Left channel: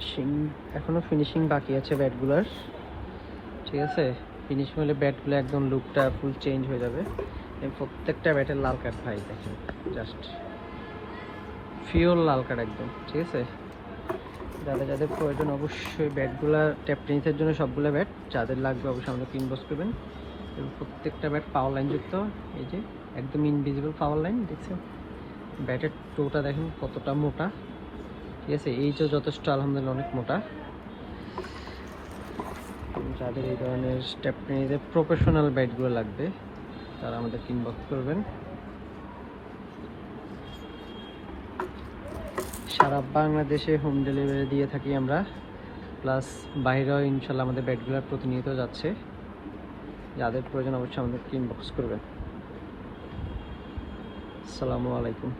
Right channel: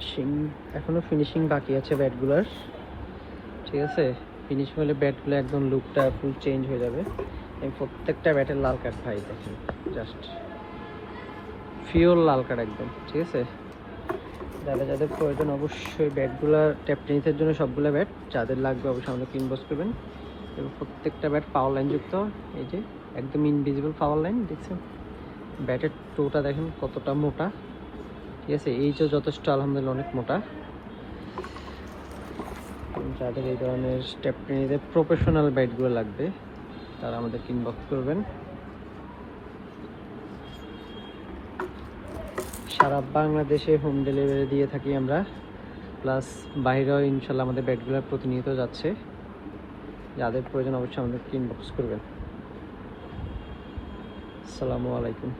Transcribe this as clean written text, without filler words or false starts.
Finishing এখনো finishing বাকি আছে ব্যাটগুলোর, ঠিক আছে। ফিনিশিং হলে ব্যাটগুলো একদম লুকটা ফুল চেঞ্জ হয়ে যাবে। প্রত্যেকটা ব্যাটের লাল কাঠ ভাই দেখেন, জাস্ট পিওর লাল কাঠ একদম, ঠিক আছে। যাদের যাদের প্রয়োজন অবশ্যই ব্যাটগুলা ট্যাপ টেনিসের জন্য সবগুলো ব্যাট যাদের লাগবে অবশ্যই আমাদের ইনবক্স করবেন। এবং প্রত্যেকটা ব্যাট পাওয়ার লাইন যুক্ত, এই যে একদম ইনভিজিবল পাওয়ার লাইন দেখছেন। ব্যাটের টোটা দেখেন কতটা মোটা, ঠিক আছে। এই যে যথেষ্ট আলহামদুলিল্লাহ অনেক মোটা। যাদের এই ধরনের স্টেপ টেনিসের প্রফেশনাল ব্যাটগুলো লাগবে তারা আমাদের ইনবক্স করবেন। সারা বাংলাদেশে হোম ডেলিভারি দিয়ে থাকি আমরা, প্লাস বাইরেও ইনশাল্লাহ আমাদের ব্যাটগুলো প্রতিনিয়ত যাচ্ছে। যাদের প্রয়োজন অবশ্যই আমাদেরকে ইনবক্স করবেন। আসসালামু আলাইকুম।